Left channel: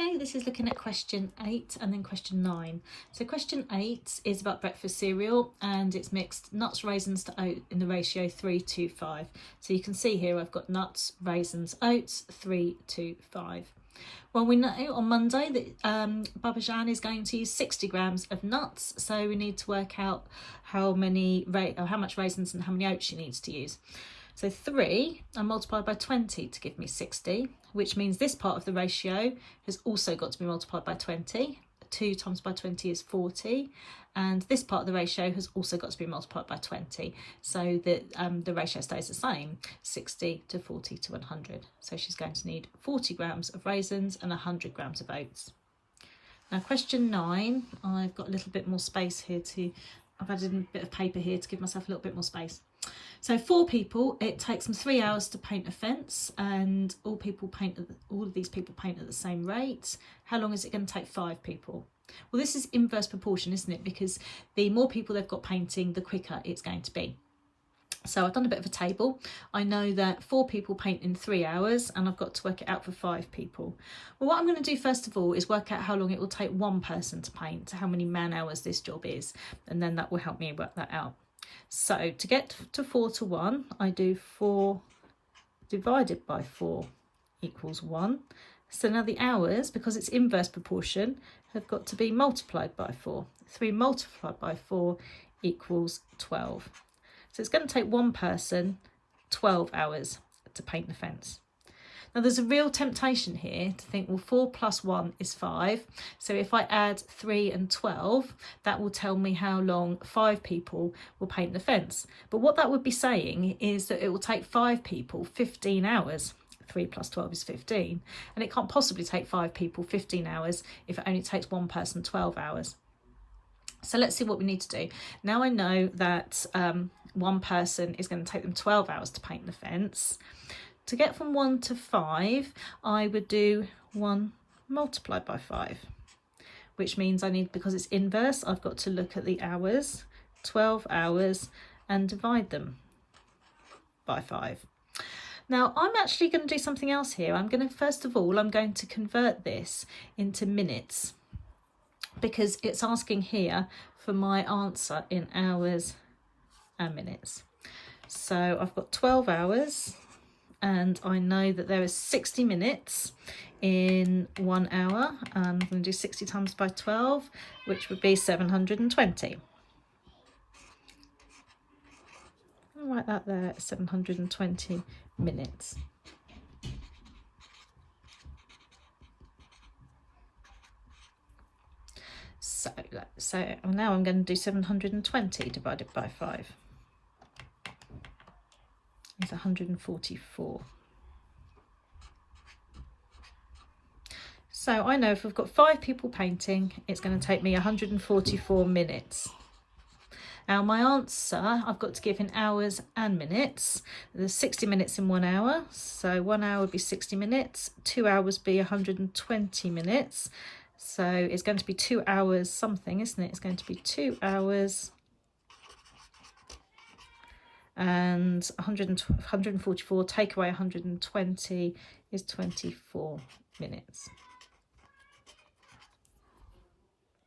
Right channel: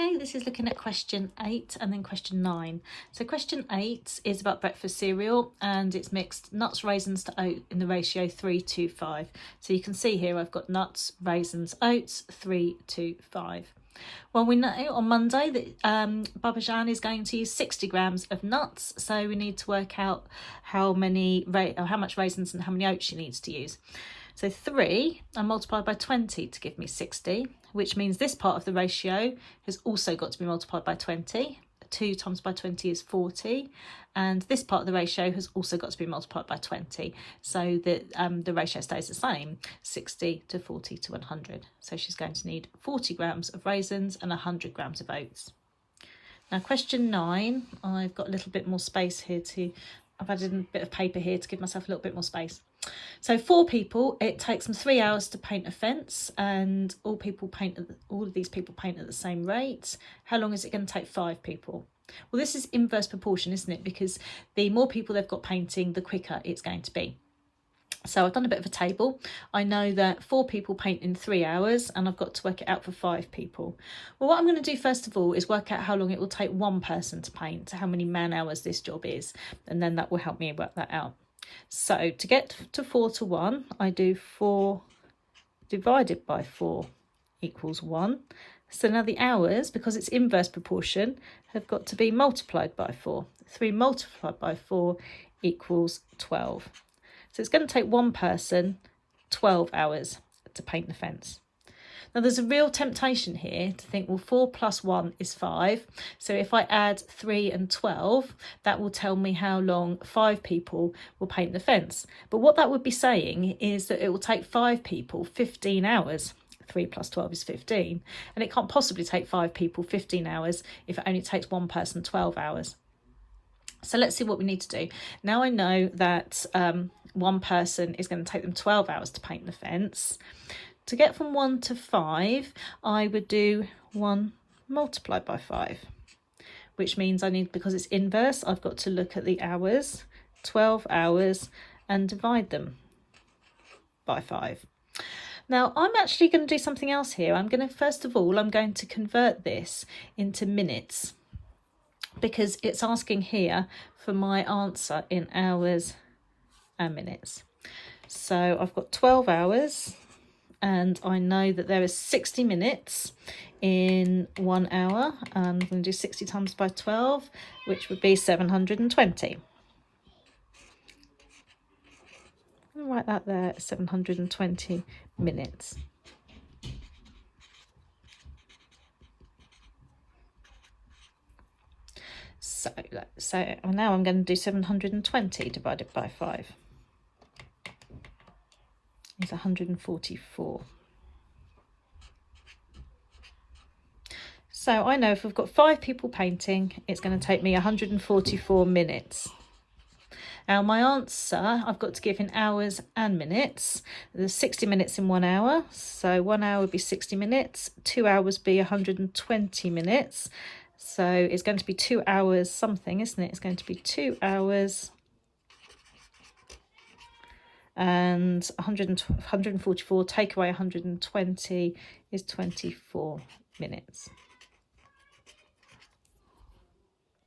Okay, this is looking at question 8 and then question 9. So question 8 is about breakfast cereal and it's mixed nuts, raisins to oat in the ratio 3:5. So you can see here I've got nuts, raisins, oats, 3:5. Well, we know on Monday that Babajan is going to use 60 grams of nuts, so we need to work out how much raisins and how many oats she needs to use. So 3 I multiplied by 20 to give me 60, which means this part of the ratio has also got to be multiplied by 20. 2 times by 20 is 40, and this part of the ratio has also got to be multiplied by 20, so that the ratio stays the same, 60 to 40 to 100. So she's going to need 40 grams of raisins and 100 grams of oats. Now question 9, I've got a little bit more space here I've added a bit of paper here to give myself a little bit more space. So 4 people, it takes them 3 hours to paint a fence, and all of these people paint at the same rate. How long is it going to take 5 people? Well, this is inverse proportion, isn't it? Because the more people they've got painting, the quicker it's going to be. So I've done a bit of a table. I know that 4 people paint in 3 hours, and I've got to work it out for 5 people. Well, what I'm going to do first of all is work out how long it will take one person to paint, how many man hours this job is, and then that will help me work that out. So to get to 4 to 1, I do 4 divided by 4 equals 1. So now the hours, because it's inverse proportion, have got to be multiplied by 4. 3 multiplied by 4 equals 12. So it's going to take one person 12 hours to paint the fence. Now there's a real temptation here to think, well, 4 plus 1 is 5. So if I add 3 and 12, that will tell me how long 5 people will paint the fence. But what that would be saying is that it will take 5 people 15 hours. 3 plus 12 is 15. And it can't possibly take 5 people 15 hours if it only takes one person 12 hours. So let's see what we need to do. Now I know that one person is going to take them 12 hours to paint the fence. To get from 1 to 5, I would do 1 multiplied by 5, which means because it's inverse, I've got to look at the hours, 12 hours, and divide them by 5. Now, I'm actually going to do something else here. First of all, I'm going to convert this into minutes, because it's asking here for my answer in hours and minutes. So I've got 12 hours, and I know that there is 60 minutes in 1 hour. I'm going to do 60 times by 12, which would be 720. I'll write that there, 720 minutes. So now I'm going to do 720 divided by 5. It's 144. So I know if we've got 5 people painting, it's going to take me 144 minutes. Now my answer, I've got to give in hours and minutes. There's 60 minutes in 1 hour, so 1 hour would be 60 minutes, 2 hours would be 120 minutes. So it's going to be 2 hours something, isn't it? It's going to be 2 hours and 144, take away 120 is 24 minutes.